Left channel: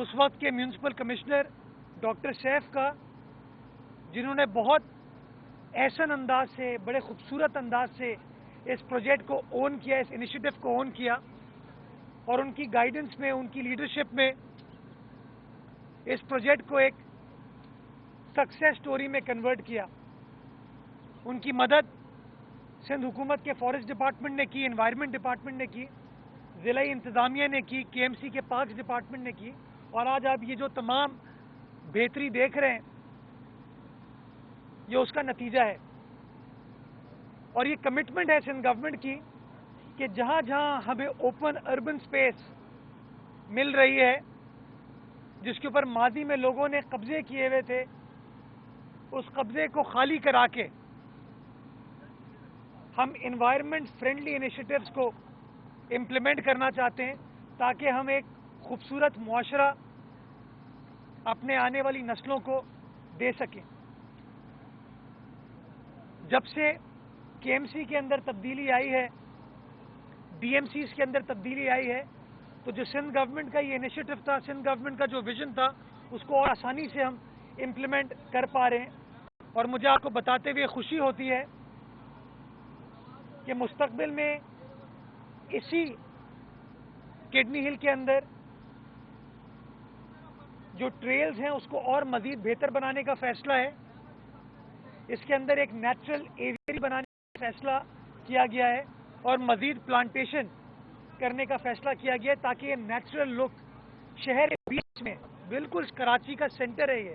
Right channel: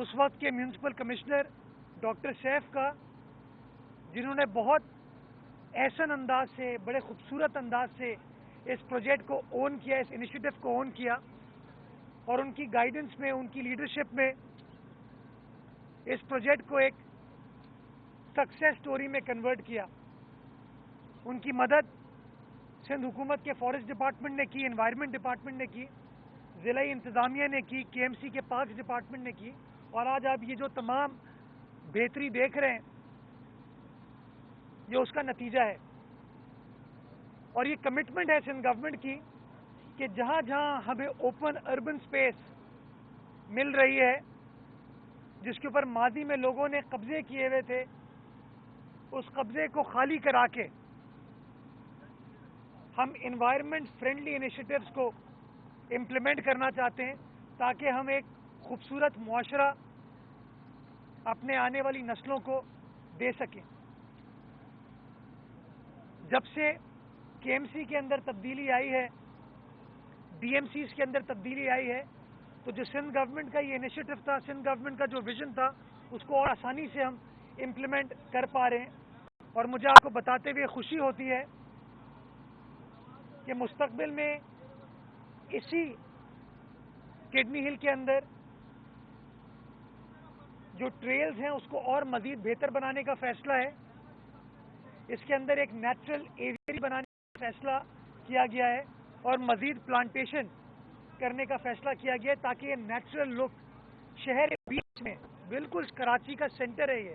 اس وقت کے municipal commissioner doctor safe کا، جنہوں نے بہت احسن انداز سے، بڑے خوبصورت انداز سے اس پروجیکٹ کو اون کیا، اس انیشیٹو کو اون کیا، اور ان کی گائیڈنس میں، ان کی لیڈرشپ میں اس پروجیکٹ کو ایک سکسیس سٹوری میں کنورٹ کیا۔ ان کی مدد سندھ حکومت کے فارسٹ ڈپارٹمنٹ نے کی، انوائرمنٹ ڈپارٹمنٹ نے کی، ضلعی انتظامیہ نے کی، کے ایم سی کے پارکس ڈپارٹمنٹ نے کی، اور آج آپ یہ جو تمام بہتری دیکھ رہے ہیں یہ اس کا نتیجہ ہے۔ اور یہ کمٹمنٹ ہے سندھ گورنمنٹ کی کہ جہاں جہاں ہمیں اوپن اربن سپیس مل رہی ہے، جس کے اوپر ماضی میں لوگوں نے قبضے کیے ہوئے تھے، اس قبضے کو خالی کرا کے ہم انوائرمنٹ فرینڈلی انیشیٹوز کو امپلیمنٹ کرنا چاہتے ہیں، تاکہ ہم ایک خوبصورت معاشرہ اپنے آنے والی نسلوں کو دے سکیں۔ جب سے کے ایم سی کے اندر تبدیلی آئی ہے، ڈی ایم سیز کے اندر تبدیلی آئی ہے، تو جو سندھ گورنمنٹ کا یہ انیشیٹو تھا، سندھ گورنمنٹ کا جو ویژن تھا، اس کو اور آسانی سے ہم امپلیمنٹ کر پا رہے ہیں۔ اور مجھے آپ کو بتاتے ہوئے خوشی ہوتی ہے کہ مستقبل میں اسی کڈنی ہل کے اندر جو ٹریلز ہیں اس کو اور مزید بہتر بنانے کا فیصلہ ہے۔ اس کے اندر ایک نیچرل ایویری بنانے کا فیصلہ کیا گیا ہے، اور مزید پلانٹیشن کرنے کا فیصلہ کیا گیا ہے، تاکہ یہ نیچرل لک شہر کے بیچ میں، بالکل کراچی کا سینٹر ہے یہ،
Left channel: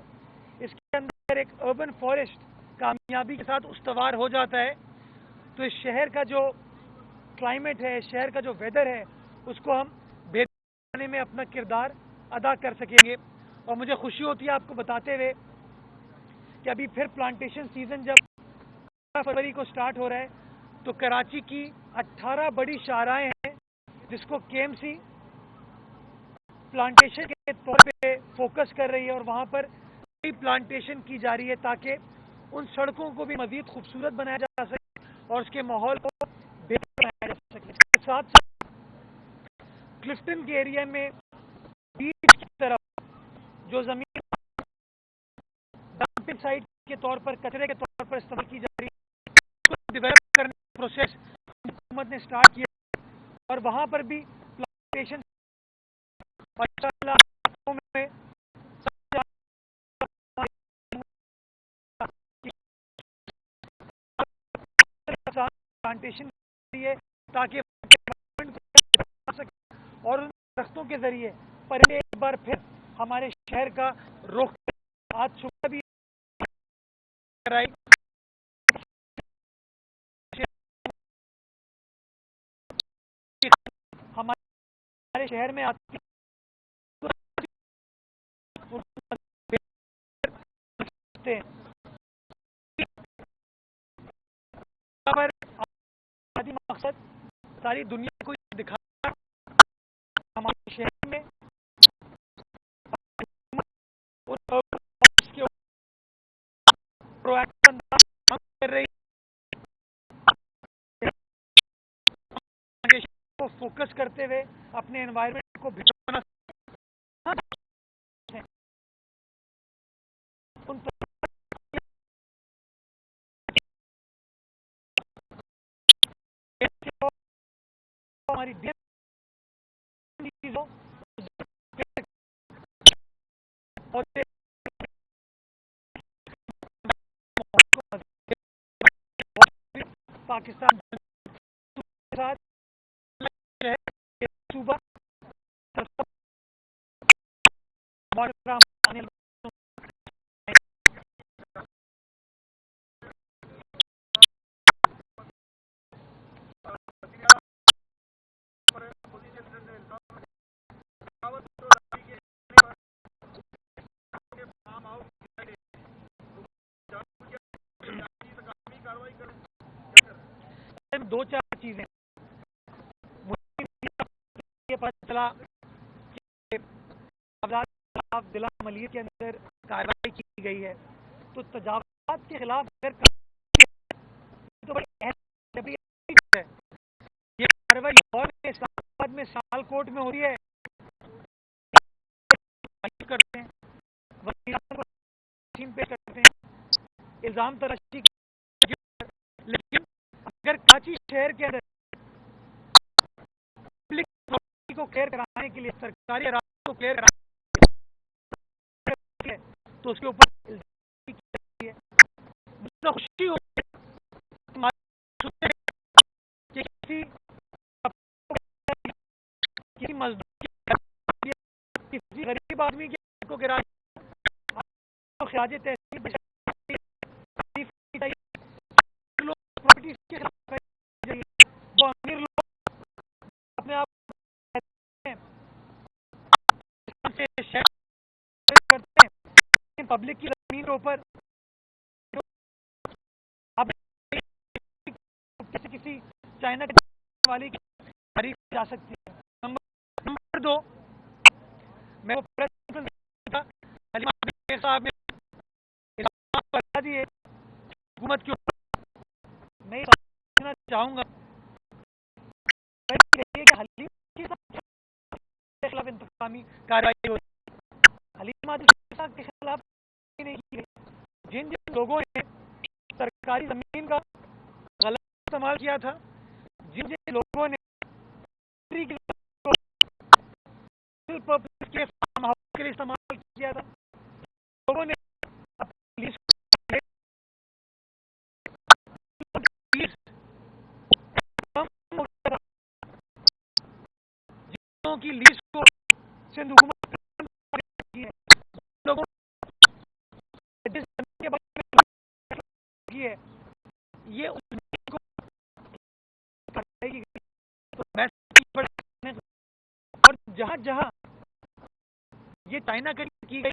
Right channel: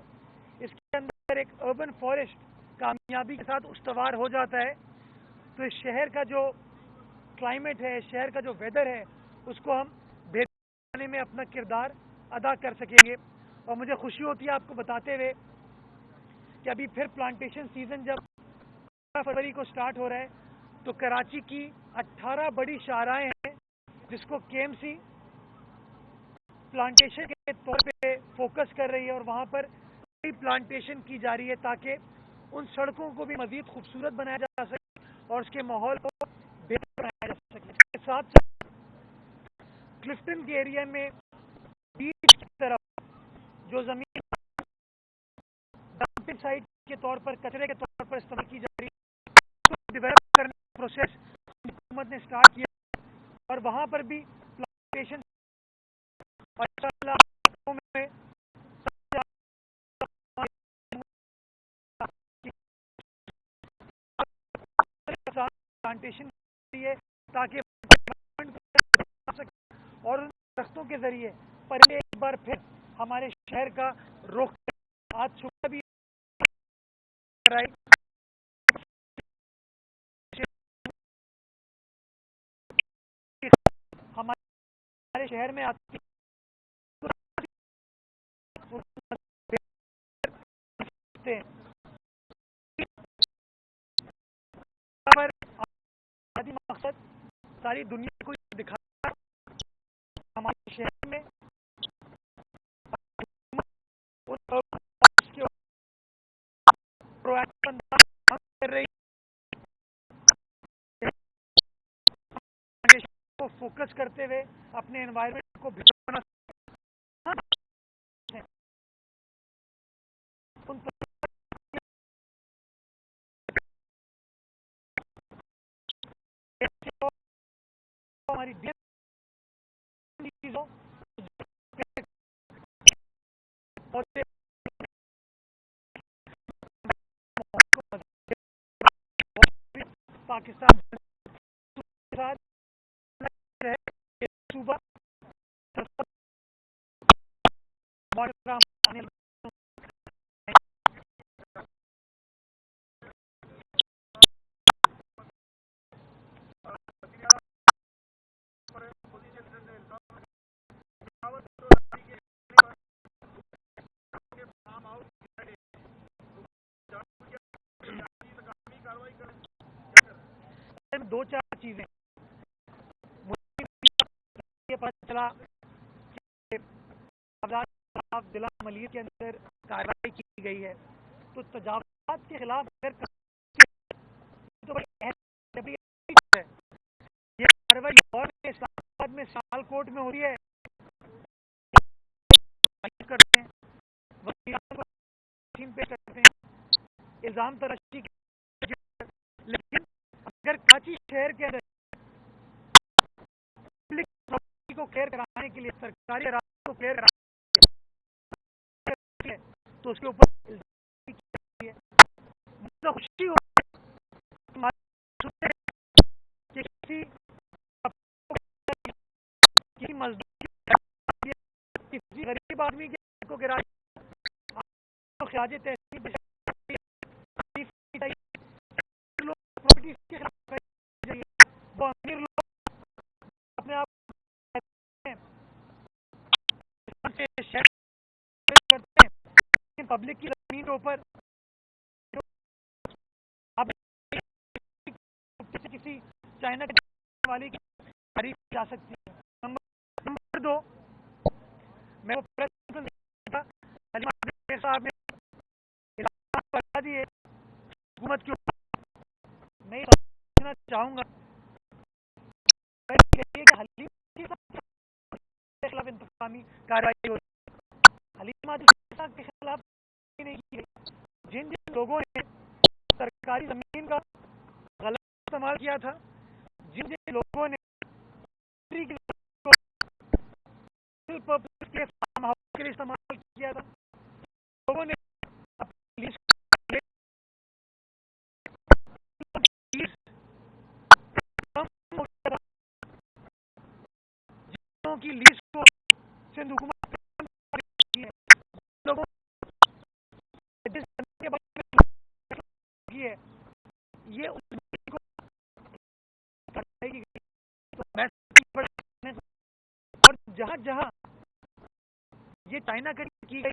اس کے اندر ایک اربن فارسٹ کامیابی کے ساتھ استوار ہو جاتا ہے، تو اس شہر کا جو کلائمیٹ ہے، شہر کا جو ویدر ہے، اس کو ہم بہتر بنانے میں اپنا کردار ادا کر سکیں گے۔ اور مجھے خوشی ہوتی ہے آپ کو بتاتے ہوئے کہ ابھی پھر پلانٹیشن سیزن جب 15 فروری کو سٹارٹ ہو رہا ہے، تو کراچی کی 18 بڑی شاہراہیں ہیں جس کو کے ایم سی پلانٹیشن کے طور پہ فوکس کر رہی ہے، اور وہاں پر کئی پلانٹیشن کی جا رہی ہے، تاکہ ان سڑکوں کو بھی مزید خوبصورت بنایا جا سکے اور اس کے ماحول کو بہتر بنایا جا سکے۔ اس کے ساتھ ساتھ کلفٹن کے ایریا میں بیچ کی طرف جو زمین ڈمپنگ سائٹ کے طور پر، کچرے کے طور پر استعمال کی جا رہی ہے، اس کو ڈیولپ کرنے کا پروسیس حکومت نے سٹارٹ کیا، اور وہاں پر بھی پلانٹیشن اور انشاءاللہ میں پلانٹیشن تاکہ اور ان درختوں کے ذریعے پرندے ایک بار پھر ہمارے شہر کا رخ آج صبح بھی ہمارے شہر میں آتی مقصد ساری دنیا کو دکھانا ہمارے شہر میں کر رہی کو فوکس کرتے ہوئے اپنے انوائرمنٹ کو بچانا ہماری پاکستان کے ساتھ صوبہ دو چار چیزیں مجھے پتہ چلا کہ ضلع ملیر کے اندر کارروائی کی گئی ہے، تو تجاوزات کے خلاف یہ کارروائی لاہور میں، اسلام آباد میں، سیال کوٹ میں ہو رہی ہے، کرتے ہیں, وزیراعظم کو تقسیم پیش کرتے ہیں, الزام تراشی, لیکن اگر کراچی شہر کے اندر پبلک پراپرٹی کو کلیئر کرانے کے لیے, سرکاری اراضی کو کلیئر کرانے کے لیے, تو اس کے اوپر الزام کی جاتی ہے. مجھے خوشی ہو کہ کسی مزدور کی, کسی غریب آدمی کو گرا خراج تحسین پراپرٹی کے خلاف, وہ امیر لوگ اپنے آپ کرتے ہیں پبلک کی زمین کے اوپر. اب کسی چائنا والی کی تعریف جا سکتی ہے. نمبر 2, میں وہ پریس کانفرنس صاحب نے بتا دیے حکومت کے اوپر, میں یہ چاہوں گا کہ حلیم کے خلاف انتقامی کارروائی ہو. حلیم صاحب کے خلاف نہیں کی گئی. جن لوگوں نے سرکاری زمین کا غلط استعمال کیا تھا, جن لوگوں نے کے فارم ہاؤس کے لیے استعمال کیا تھا, لوگوں نے کی لیز کو سندھ حکومت کی ہے, لوگوں ہے یہ اور جہاں جہاں یہ چائنا کی گئی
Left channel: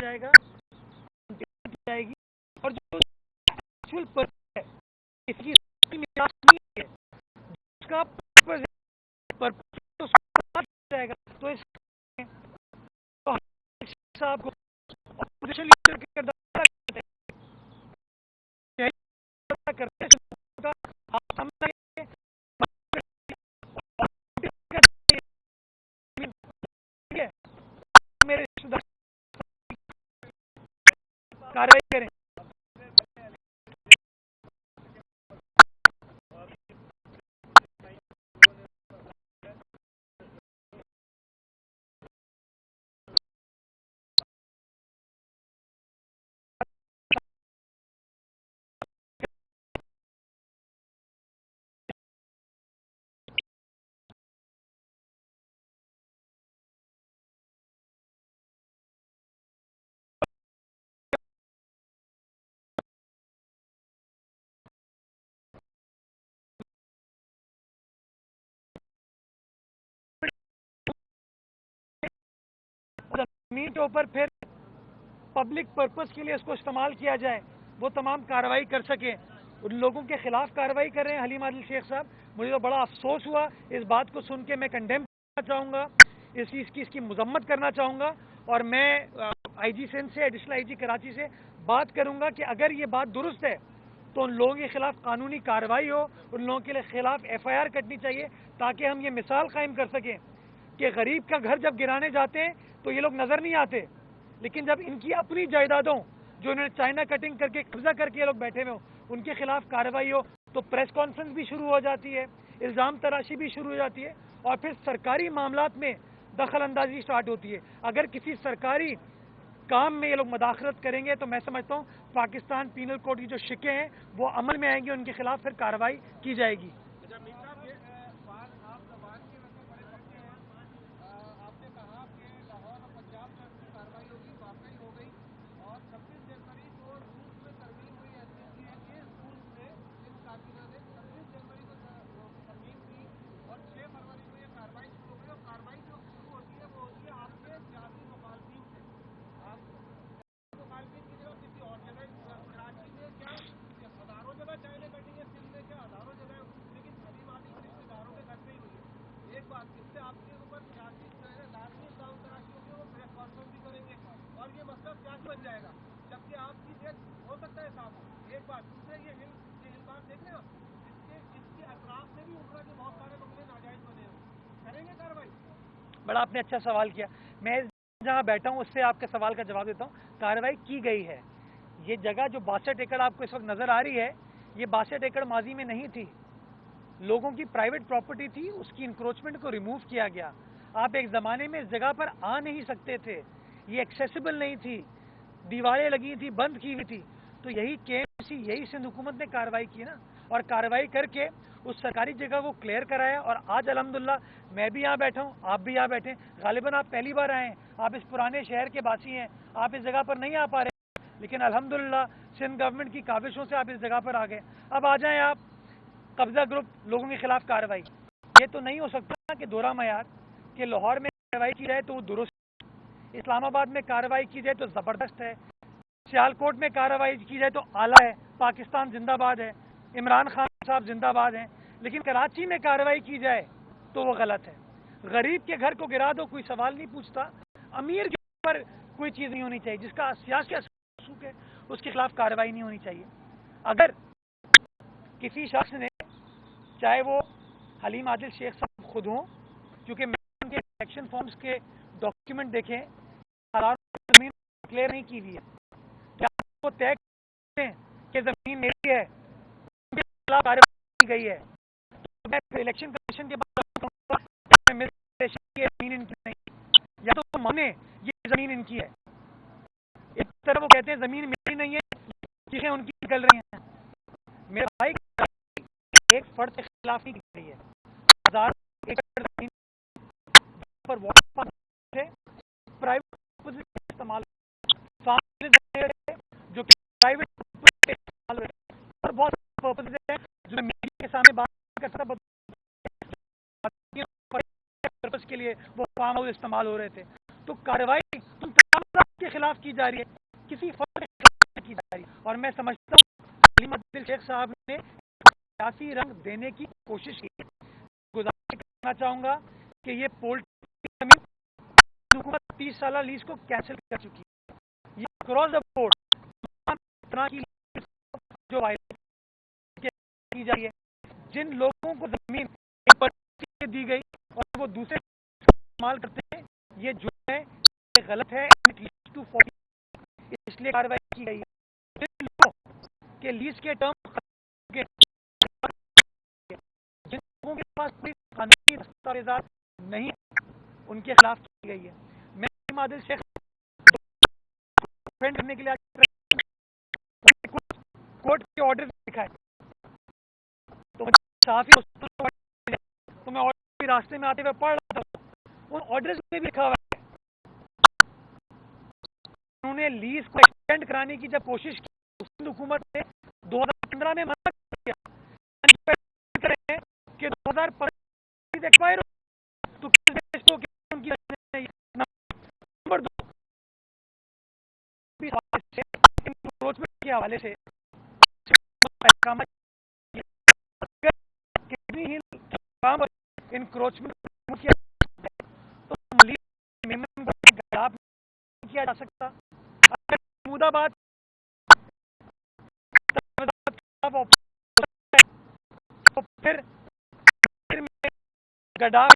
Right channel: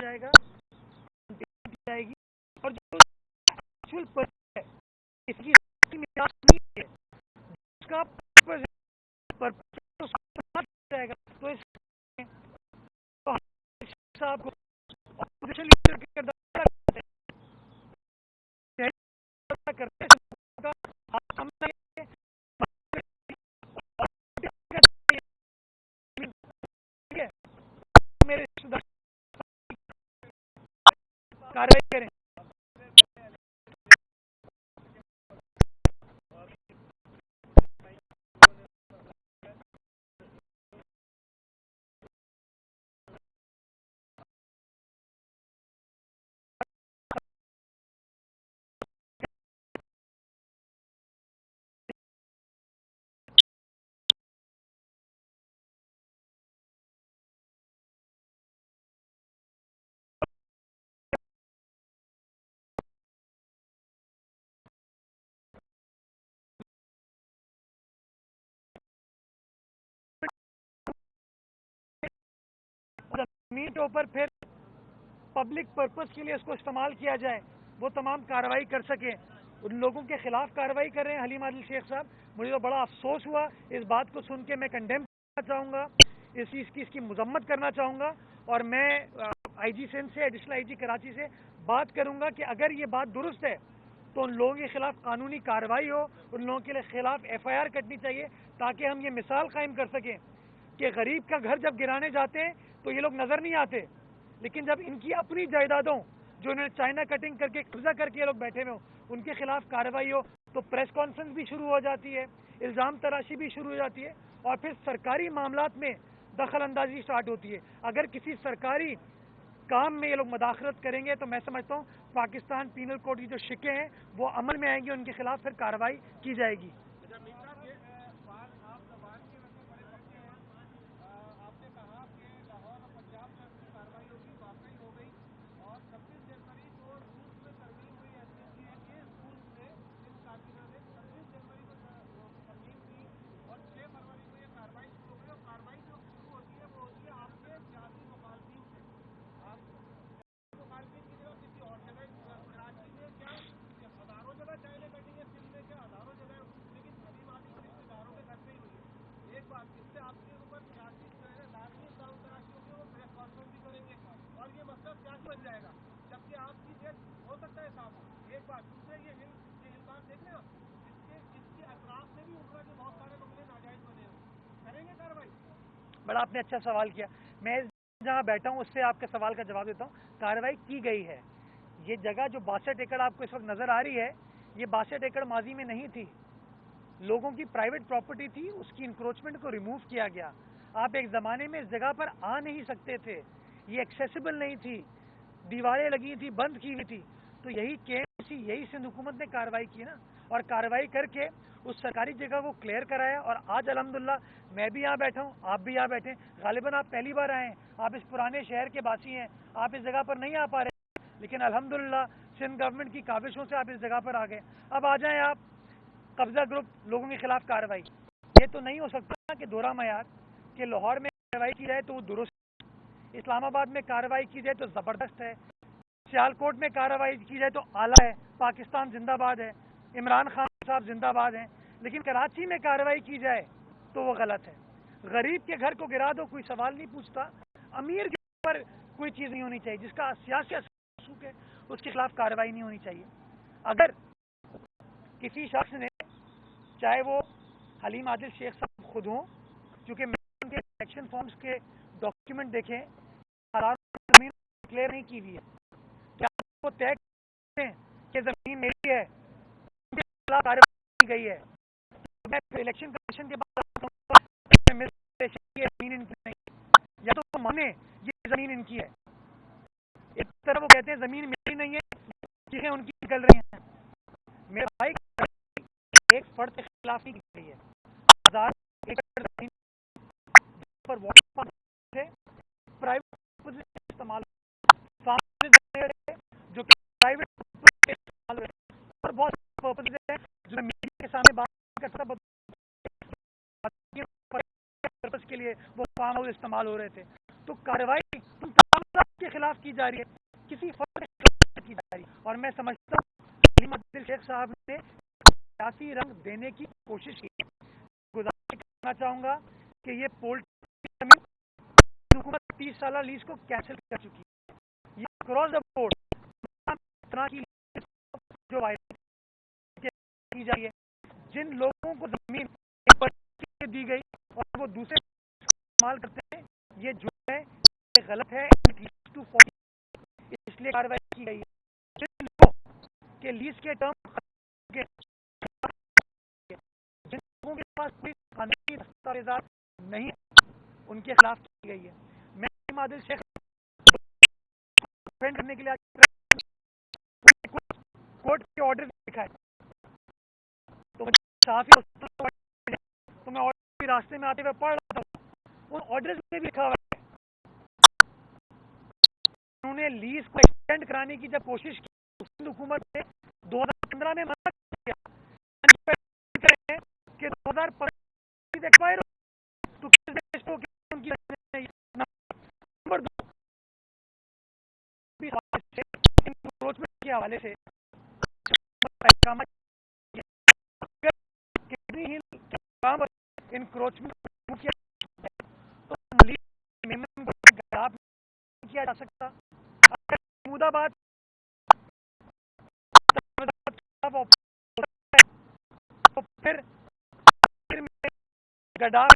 جائے گا جائے گی, اور جو اس کی جائے گا, تو اس صاحب کو اپوزیشن لیڈر کے کردار کرتے میرے رشتے دار کاروائی کریں. زمین کے اوپر پھر پبلک پرپز کے لیے اس کو استعمال کیا جائے, وہ تمام کارروائی کر سکیں. ان لوگوں کے خلاف کارروائی کر رہے ہیں حلیم عادل شیخ صاحب. مجھے تو بڑا افسوس ہوا اس بات کو سن کے. میں کنڈیم کرنا چاہوں گا, اس چیز کی, اس کی مذمت کرنا چاہوں گا, اور میں آئی جی سندھ سے, ایڈیشنل آئی جی کراچی سے بات کروں گا کہ اگر یہ بات درست ہے تو ان لوگوں کے خلاف قانونی کارروائی ہو, ان لوگوں کے خلاف ایف آئی آر کٹنی چاہیے, تاکہ ہم یہ مثال قائم کر سکیں کہ غریب کا گھر جب گرانے جاتے ہیں تو یہ لوگ نظر نہیں آتے, لیکن جب ان کی اپنی جائیدادوں جو انہوں نے چائنا کٹنگ کر کے قبضہ کر کے یہ لوگ بیٹھے ہوئے ہوں, ان کے خلاف کارروائی ہو, تو پریس کانفرنس بھی شروع ہو جاتی ہے, الزام تراشی بھی شروع ہو جاتی ہے, اور پھر سرکاری معاملات میں دخل اندازی اسٹارٹ ہوتی ہے. اگر کسی سرکاری کام میں یہ لوگ مداخلت کریں گے تو میں سمجھتا ہوں پاکستان پینل کوڈ کی جو شکیں ہیں وہ عمل میں آئیں گی, ان کے خلاف پھر کارروائی کی جائے گی. بڑا آپ نے اچھا سوال کیا. میں جہاں بیٹھا ہوں اس سے آپ کے سوال کا جواب دیتا ہوں. کارروائی کی گئی ہے. یہ جگہ جو 62 ایکڑ آپ کو اس وقت نظر آ رہی ہے, یہ 62 ایکڑ ماضی میں نہیں تھی, لوگوں کی پرائیویٹ پراپرٹی تھی, اس کی انکروچمنٹ کو ریموو کیا گیا. آپ ایک زمانے میں اس جگہ پر آ نہیں سکتے تھے, یہ ایکسیسیبل نہیں تھی, دیواریں لگی تھی, بند کی ہوئی تھی. تو یہی KMC, یہی سندھ حکومت نے کارروائی کی نا, اور کارروائی کر کے اس سرکاری جگہ کو کلیئر کرایا. اور آج الحمدللہ میں بھی یہاں بیٹھا ہوں, آپ بھی یہاں بیٹھے ہیں. غالباً آپ پہلی بار آئے ہیں, آپ اس پرانے شہر کے باسی ہیں, آپ اس جگہ پر نہیں آ پا رہے, لیکن الحمدللہ سندھ گورنمنٹ کی کاوشوں سے آپ اس جگہ پر آ گئے. اب آ جائیں آپ. قبضہ گروپ لوگوں کے خلاف کارروائی, یہ تو نہیں ہو سکتا کہ دوہرا معیار کہ لاہور میں کارروائی کی جائے تو وہ درست, اسلام آباد میں کارروائی کی جائے تو زبردست ہے, سیالکوٹ میں کارروائی کی جائے تو اعلیٰ ہے, پاکستان زندہ باد ہے, عمران خان صاحب زندہ باد ہیں, لیکن کراچی میں کارروائی کی جائے تو وہ غلط ہے. غریب کے گھر کو گرا دو, کوئی سوال نہیں پوچھتا. امیر کے اوپر کوئی چیز نہیں ہونی چاہیے, جس کا سیاسی ہے اس کے خلاف کارروائی نہیں ہونی چاہیے. اگر کسی شخص نے, چاہے وہ حلیم عادل شیخ صاحب خود ہوں, کیونکہ میں ان کے الیکشن فارمز کے ڈاکیومنٹ دیکھیں, زمین کلیئر نہیں کی ہوئی ہے, کیا وہ طے کرتے ہیں کہ زمین میری ہے, ان کے خلاف کارروائی کی گئی ہے, میں الیکشن کمیشن کے بعد زمین ان کی نہیں, یا تو وہ مانے یہ زمین ان کی ہے. ایک طرف وہ کہتے ہیں زمین میری نہیں ہے, چیزیں ان کی نکل رہی ہیں. میرے بھائی ایک فرد کے خلاف نہیں کی گئی ہے, ہزار ایکڑ زمین پر پرائیویٹ استعمال, جو کہ پرائیویٹ استعمال اور بہت پرپز ہیں جو میں میڈیا کے سامنے بات کر سکتا, پرپز کے لیے وہ فارم ہاؤس استعمال ہو رہے تھے. تو کارروائی تم تمام کے خلاف کی جا رہی ہے, کسی فرد کے خلاف کی جا رہی ہے. اور میں سمجھتا ہوں حلیم عادل شیخ صاحب نے سیاسی رنگ دینے کی کوشش کی. گزارش کرنا چاہوں گا کہ یہ پولٹری حکومت 30 سالہ لیز کو کینسل کر چکی ہے. یہ اکراس دا بورڈ طرح کی جو کی جا رہی ہے, جن لوگوں کو زمین دی گئی اور وہ دوسرے استعمال کرتے ہیں, یہ جو ہے یہ غلط ہے, اس لیے کارروائی کی گئی ہے. جن لوگوں کے لیز کے ٹرم, جن لوگوں کے پاس کوئی قانونی دستاویزات نہیں, ان کے خلاف کی گئی ہے. میں حلیم عادل شیخ کرنے کے لیے کورٹ کے آرڈر لکھا ہے, تو صحافی تو میں آرڈر بھی راستے میں آتے ہوئے پڑھ رہا تھا, ان آرڈرز میں بھی لکھا ہوا ہے. انہوں نے لیز کو ایکسٹینڈ کرانے کی جب کوشش کی, سندھ حکومت نے 2015 میں منع کیا کہ 2015 ایکسپائر ہو, تو نمبر 2 کے حوالے سے انکروچمنٹ کیا جا سکتا. محمود آباد تو پھر گڈا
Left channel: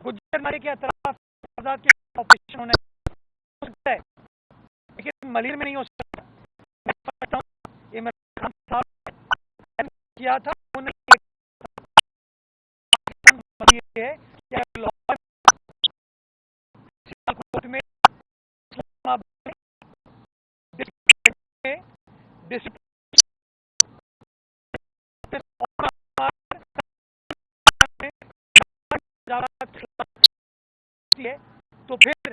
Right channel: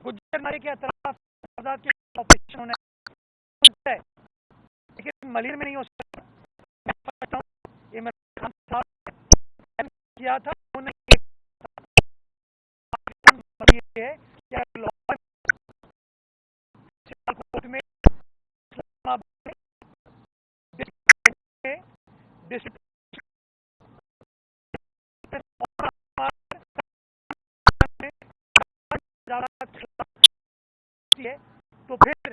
گجر نارے کے اطراف آزاد کے آپریشن ہونے, لیکن ملیر میں نہیں ہو سکتا. عمران خان صاحب کیا تھا, ہے کیا لاہور سیالکوٹ میں تو پھر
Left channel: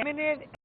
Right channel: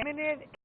MNAs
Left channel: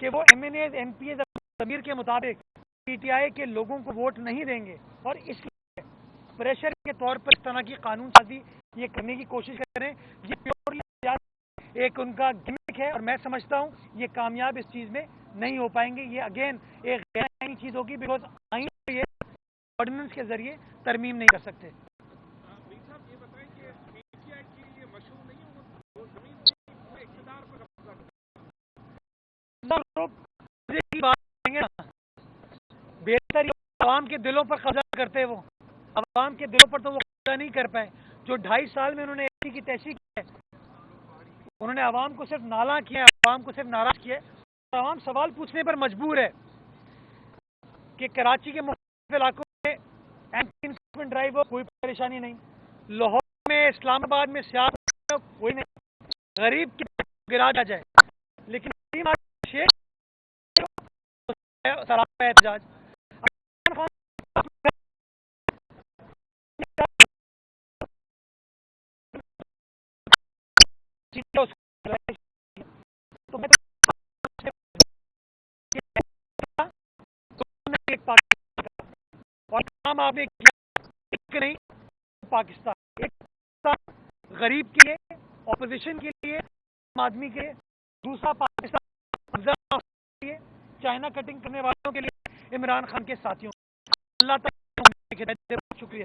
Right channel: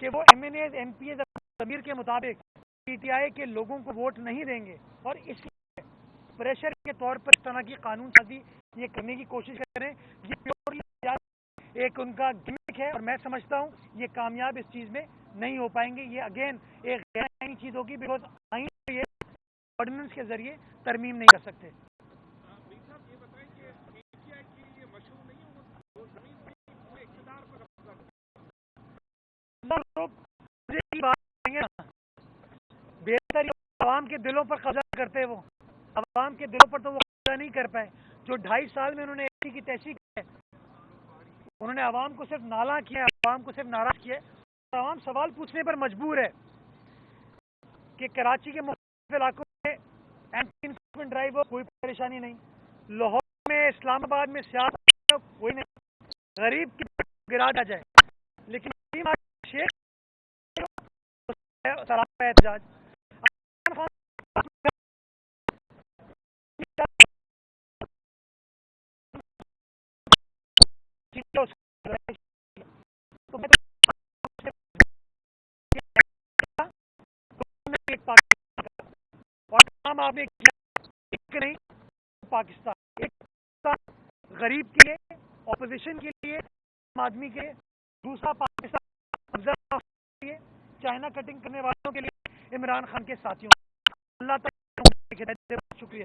کہ وہ M N As M P As ضمیر کے مطابق پی ٹی آئی کے لوگوں کو ووٹ نہیں دیں گے، اور اس لیے پریشر کے طور پر اس طرح کی قانون سازی یہ کرنے کی کوشش کریں. یہ پیورلی ایک ان کا گمک ہے، اور میں سمجھتا ہوں یہ کامیاب اس چیز میں نہیں ہو پائیں گے. یہ اگین ایک غیر آئینی چیز ہوگی، بیکاز آئین یہ آرڈیننس کے ذریعے ترمیم نہیں کر سکتے. بہتر عوام کے دلوں پر قبضہ کرتے، وہ عوام کے دلوں پر تو وہ قبضہ نہیں کر پائے. جو 2.5 سال میں انہوں نے ایسی کی تیسی کی ہے، انہوں نے عوام کو صرف نالاں کیا ہے، عوام کو صرف ناراض کیا ہے. عوام سوال پوچھنے پر مجبور ہے کہ کراچی کے مختلف علاقوں میں اینٹی انفورسمنٹ ڈرائیو ہو، کوئی پریشانی نہیں. لاہور میں، اسلام آباد میں سیاست کوئی نہیں، غریب کی گرا جائے، لیکن شیخ سراپا احتجاج. اور کام آپ نے کیا، ایک نہیں پاکستان، ایک غریب کے لیے، اپوزیشن کے لیے، آدمی کے لیے، دوسرا پاکستان کے لیے، چائنا کٹنگ کرنے والوں کے لیے، عمران خان کے ساتھیوں. اللہ تعالیٰ شکریہ.